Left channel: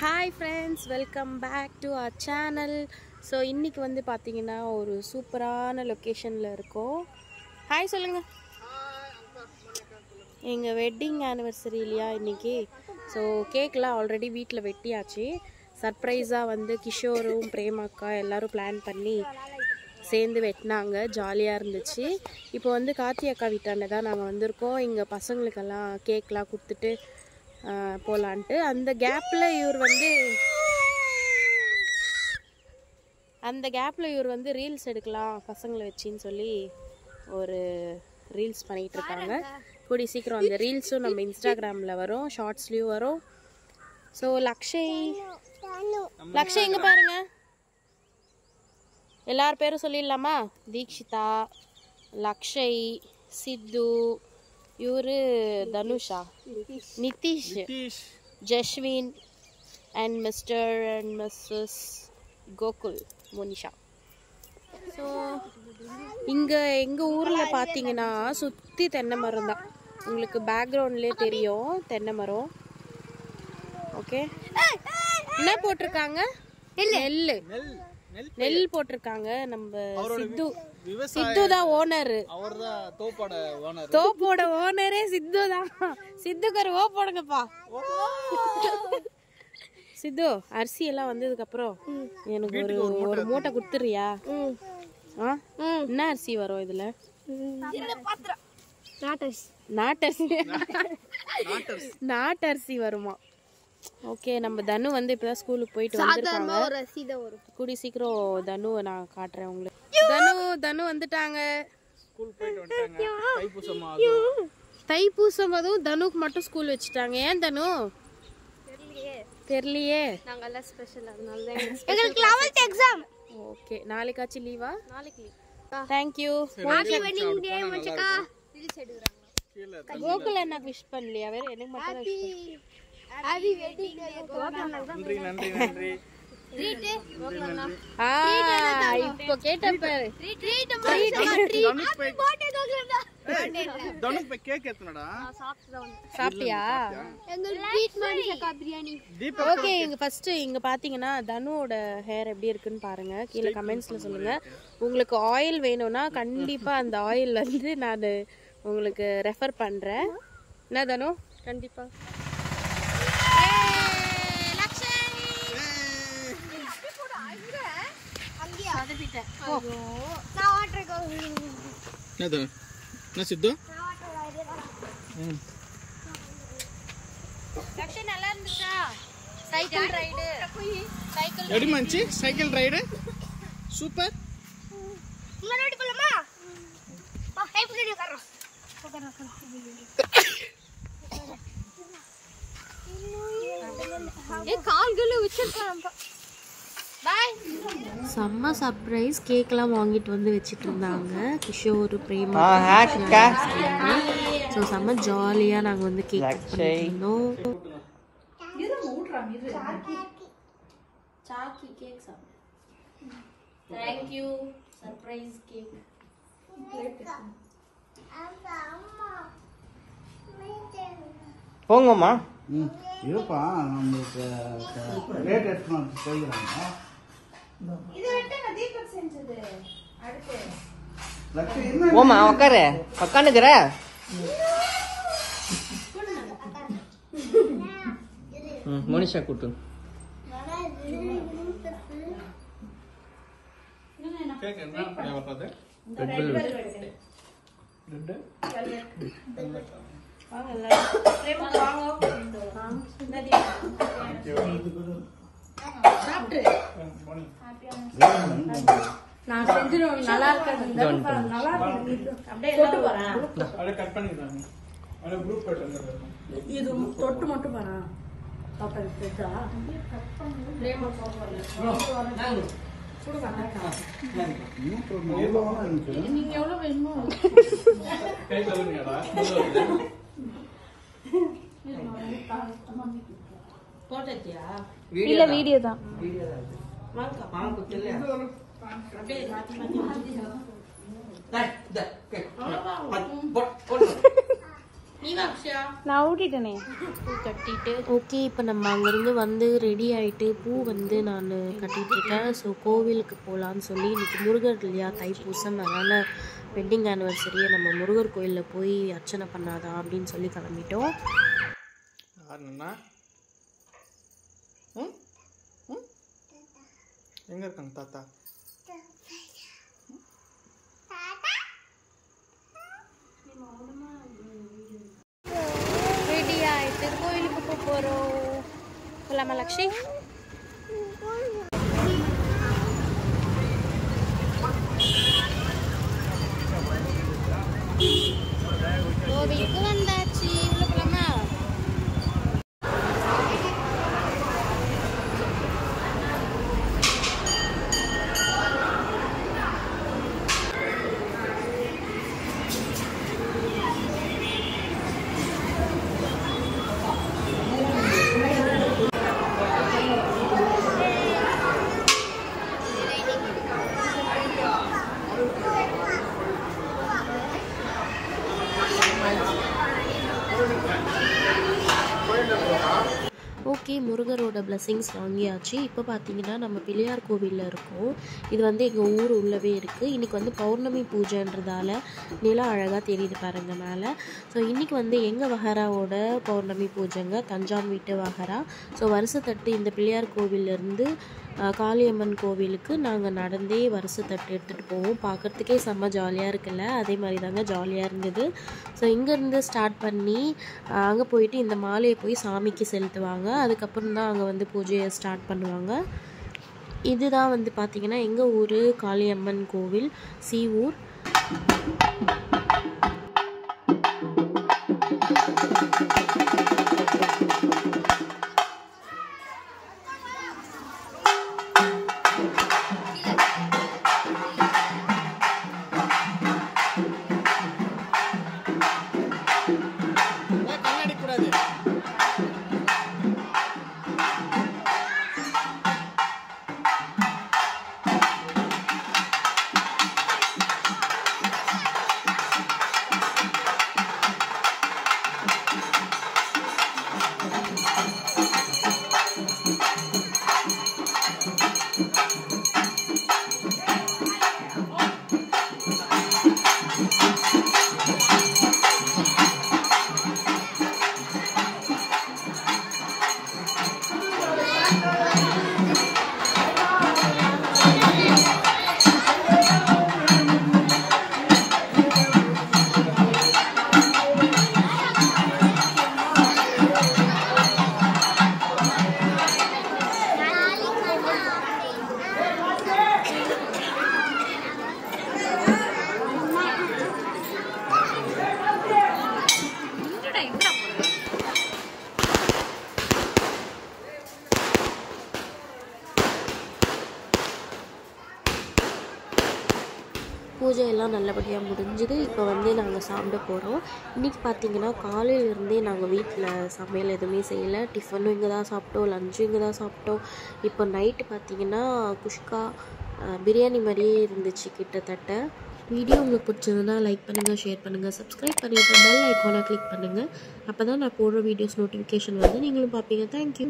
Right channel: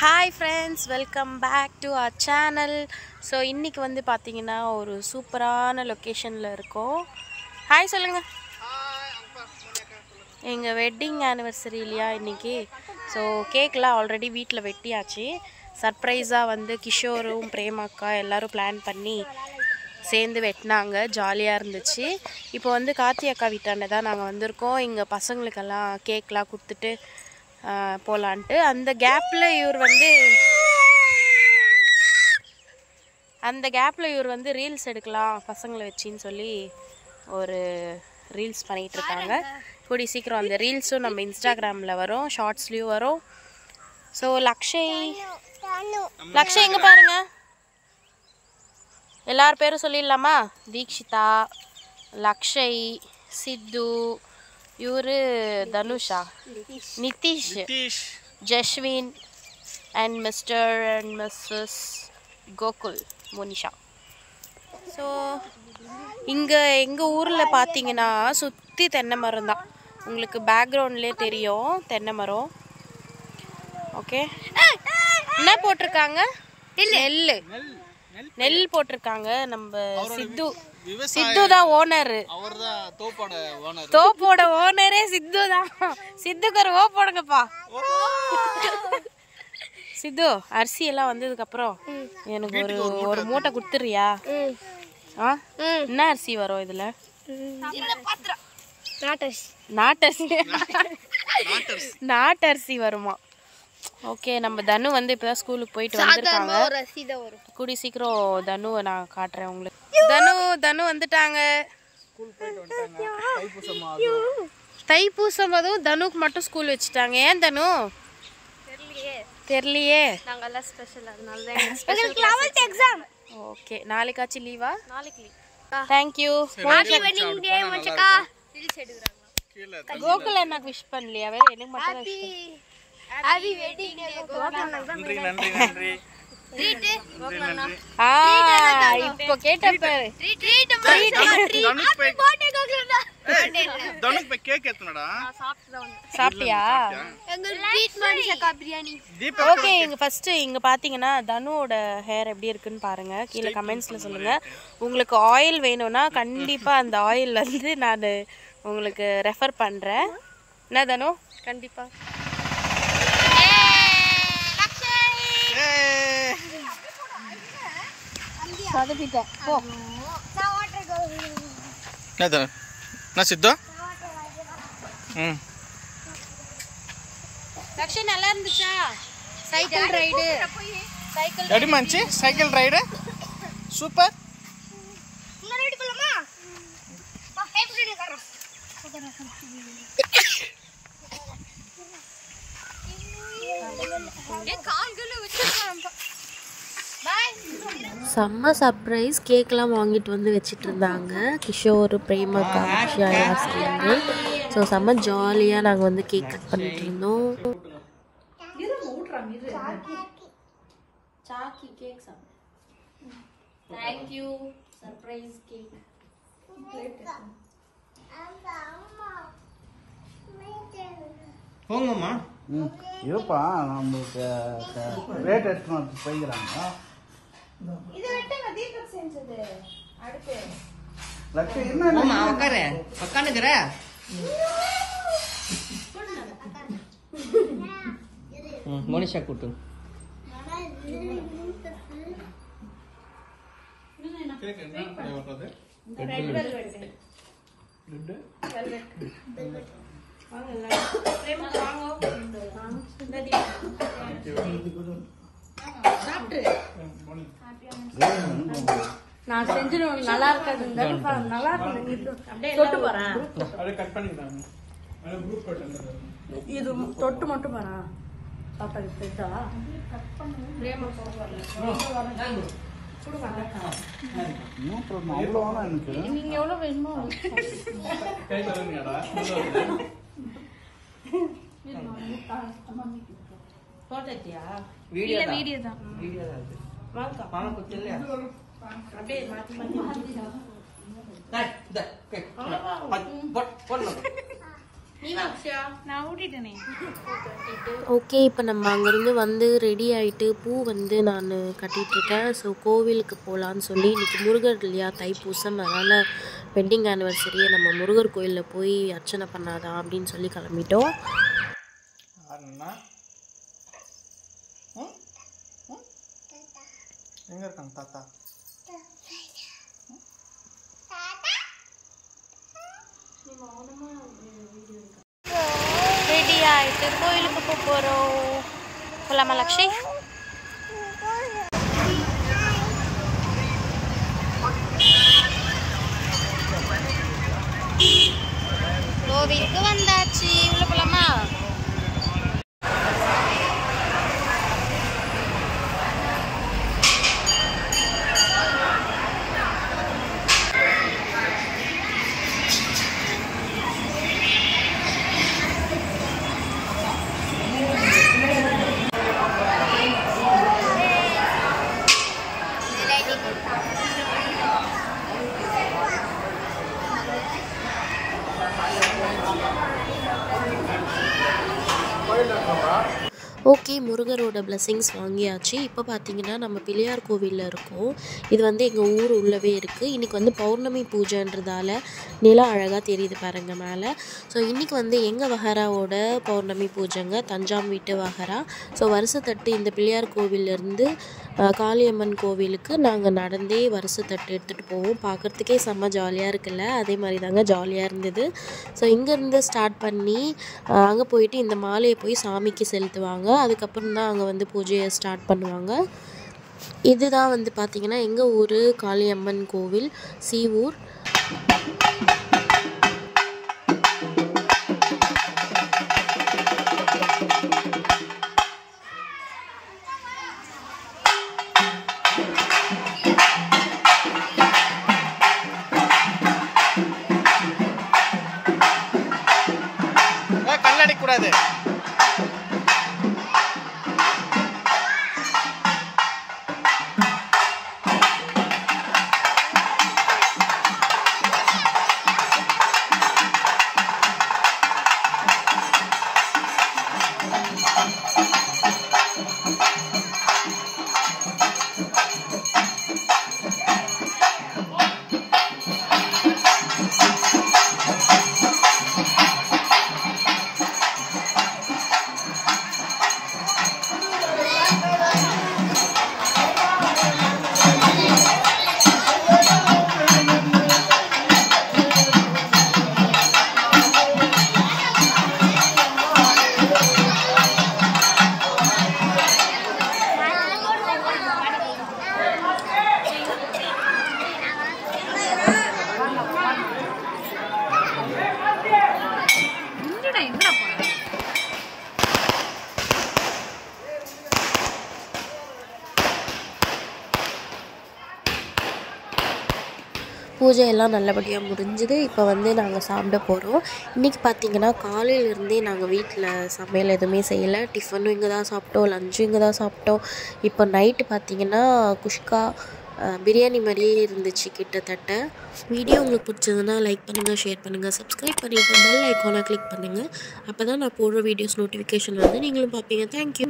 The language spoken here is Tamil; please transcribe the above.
Hi friends, welcome back to our channel. So இன்னைக்கு வந்து பாத்தீங்கன்னா ஒரு சூப்பரான லொகேஷன்ல இருக்கோம். ஹாய் சொல்லுங்க. ஹாய் அங்கா மோனிகா சொல்லுங்க. எங்க வெட்டிங் anniversary இல்லையா இன்னைக்கு. So கேக்லாம் ஆல்ரெடி வீட்ல வெட்டியாச்சு. சர்ப்ரைஸா வந்து கிஷோரும் பிரேமாக்கா எல்லாரும் பிளான் பண்ணி சேர்ந்து வெட்டினாங்க. ஜாலியா இருந்துச்சு. இப்போ வந்து கார்த்தி அக்கா வீட்டாண்ட தான் நாங்க வந்திருக்கோம். இங்க பசங்களுக்கெல்லாம் கேக்லாம் கொடுத்துட்டு போலான்ட்டு அந்த கேப்ல இவர் வந்து ரீல்ஸ் எடுக்கலாம் பசங்களை வச்சின்னு சொல்லி ஒரு ரீல்ஸ் பண்ணிட்டு இருக்காங்க. கூடி சீக்கிரம் அந்த ரீல்ஸும் நம்ம இன்ஸ்டாகிராம்ல வரும், ஷார்ட்ஸ்லயும் வரும். ஸோ லக்ஷய் எங்க பாருங்க, எல்லார் பேரும் சொல்லிடலாமா? தீக்ஷிதா, லக்ஷய், சித்து, இவரு Dhanusha, Nitish, Jaswin and Mr and Mrs Gokul, Monisha. So இங்கே எங்கள் ஊரில் பார்த்தீங்கன்னா சுற்றி தென்னை மரம் தான். உங்களுக்கு பேக்ரவுண்ட்லேயே தெரியும் தென்னை மரம். ஓகே, என்ன போட்டிருக்காங்க? நெல் போட்டிருக்காங்க. நம்ம சித்து தான் ஓனர். தோப்போட ஓனரே சித்து தான். சித்துக்கு ஒரு ஓ போடுங்கப்பா. சித்து, அரிசி எல்லாம் வந்ததுக்கு அப்புறம் எனக்கு ஒரு மூட்டை கொடுத்துறியா? என்ன அரிசி வரும் இதுல? நாட்டரிசி வருமா? ஓகே, நம்ம தனு வந்து இப்பதான் ஸ்கூலுக்கு போயிட்டு வந்திருக்காங்க. கூடி சீக்கிரம் தனுவை நான் காட்டுறேன் உங்களுக்கு. தனு வந்துட்டாங்க. தைப்பூசம் அதுவும் தனுக்கு மட்டும் ஸ்கூல் வச்சுட்டாங்க. ஏன் தனு? தெரியலையே. ஓகே, நாளைக்காச்சும் லீவா? தேங்க்யூ. கோகுல் எனக்கு விஷ் பண்ணலையா? வேற எனக்கு மட்டும் ஹாப்பி வெட்டிங் டே கோகுல். நன்றி நன்றி நன்றி. ட்ரீட் கோகுலண்ணா. இப்போ கேட்டேன் பாரு. ட்ரீட் ஹாப்பி பர்த்டே கோகுலண்ணா. தனுக்கு போய் கேக் ஏத்துனடா. சாப்பிட்டியா? எங்க ட்ரீட் மணிஷா பிரியாணி. ஓகே, இங்க ஃபர்ஸ்ட் இங்க பாத்தீங்கன்னா தனுவோட ஹேர் எப்படி இருக்குன்னு பாருங்க. கீழ கமெண்ட்ஸ்ல சொல்லுங்க. உங்களுக்கு ஆயில் வேணும்னா கண்டிப்பா அந்த ஆயில் வந்து நான் உங்களுக்கு ரெஃபர் பண்றேன். என்ன தனு? கண்டிப்பா. சித்தா நல்லா இருந்துச்சா? சைக்கிள் ரைடு எப்படி மச்சி? Cycle ride super. செம்ம சர்ப்ரைஸ். கேக்லாம் வாங்கிட்டு வந்து வச்சுட்டு இருந்தாங்க கிஷோர், பிரேமா, சேர்ந்து. ஸோ செம்ம ஜாலியாக நாங்கள் வந்து கேக் கட் பண்ணிட்டு இருந்தோம். Thank you surprise cake. போங்கம்மா. இருப்பா, நம்மளுக்கு ரேட் எடுத்து போய்க்கிறாங்க. உட்காரு, உட்காந்துக்கிற. மோனிஷா கூட்டு. நான் செஞ்சிடும் நல்லா இருக்காது. நல்லா இருக்கு. அப்படியே தொட்டு போறேன். இது தொட்டு மட்டும் போறேன். பாப்பா எடுத்துட்டா பிரேமா நீங்க எவ்வளவு வேணுமோ போட்டியா? வீடியோ தான். அப்படியே மாத்தி மாத்தி நான் ஊட்டிட்டேனே. ஓகே, இப்போ நம்ம அங்கேருந்து வந்து ரெடி ஆகிட்டு பூ வந்து நான் கட்டிகிட்ருக்கேன். ஸோ கோவிலுக்கு போகலான்னு சொல்லி இன்றைக்கி முருகர் இல்லையா, தைப்பூசம், அதனால் வெட்டிங் ஆனிவர்சரியை நம்ம முருகர் கோயிலில் போய் அர்ச்சனை பண்ணாதா அப்படின்னு சொல்லி கிளம்பிட்டோம். எங்கே இருக்காங்க தாத்தா? ரெடி ஆகிட்டு கோயிலுக்கு போகிறோம். போகலாமா லக்ஷி? கோவிலுக்கு வந்தாச்சு. உள்ள போகலாமா? ஓகே, முருகரோட பிளெஸிங்ஸ் வாங்கியாச்சு. இப்போ பார்த்தீங்கன்னா நம்ம பிள்ளையார் கோவிலில் இருக்கோம். இது வந்து எங்கள் ஊர் உள்ளவே இருக்குது. இன்றைக்கி வந்து பௌர்ணமி பூஜைன்றதால நிலம் அழகாக தெரியுது பாருங்க மேலே. ஸோ இன்றைக்கி வந்து எங்கள் வஹராவோட பௌர்ணமி பூஜைங்க, தஞ்சாம் வீட்டு வஹரா. ஸோ வருஷத்தட்டு இந்த பிள்ளையார் கோவிலேருந்து காளியம்மன் கோவிலுக்கு நாங்கள் நடந்தே வருஷத்தட்டு எடுத்துகிட்டு போவோம். பார்க்குறதுக்கே செம்ம ஜாலியாக இருக்குல்ல, அதே மாதிரி தாங்க ஜாலியாக இருந்தது. ஸோ இங்கேருந்து ஸ்டார்ட் பண்ணி அங்கே போயிட்டு இந்த மாலையை போய் சாமிக்கு செலுத்துவாங்க. அதுக்கப்புறம் தான் அங்கே வந்து பூஜையை ஸ்டார்ட் பண்ணுவாங்க. இதுதான் வந்து பார்த்திங்கன்னா எங்கள் ஊர் காளியம்மன் கோவில், சீவூர். கண்ணடிக்கூடாது. பூஜையெல்லாம் நல்லபடியாக முடிஞ்சுது. இப்போ வந்து நாங்கள் சாப்பிட போகிறோம். இன்றைக்கி பார்த்திங்கன்னா காலையிலேருந்தே நாங்கள் வீட்டில் சமையல் எதுவுமே செய்யலை. டிஃபனும் இங்கே தான் சாப்பிட்டோம், லஞ்சும் இங்கே தான் சாப்பிட்டோம். இப்போ நைட்டு பார்த்திங்கன்னா குஷ்கா பிரியாணி மாதிரியே இருந்துச்சு கிட்டத்தட்ட. வீடியோ உங்களுக்கு பிடிச்சதுன்னா லைக் பண்ணுங்கள், ஷேர் பண்ணுங்கள், சப்ஸ்கிரைப் பண்ணிவிட்டு பெல் ஐக்கானை கிளிக் பண்ணுங்கள். அப்போ தான் நான் போடுற வீடியோஸ் நோட்டிஃபிகேஷன் வந்து நீங்களும் பார்ப்பீங்க. தேங்க்யூ.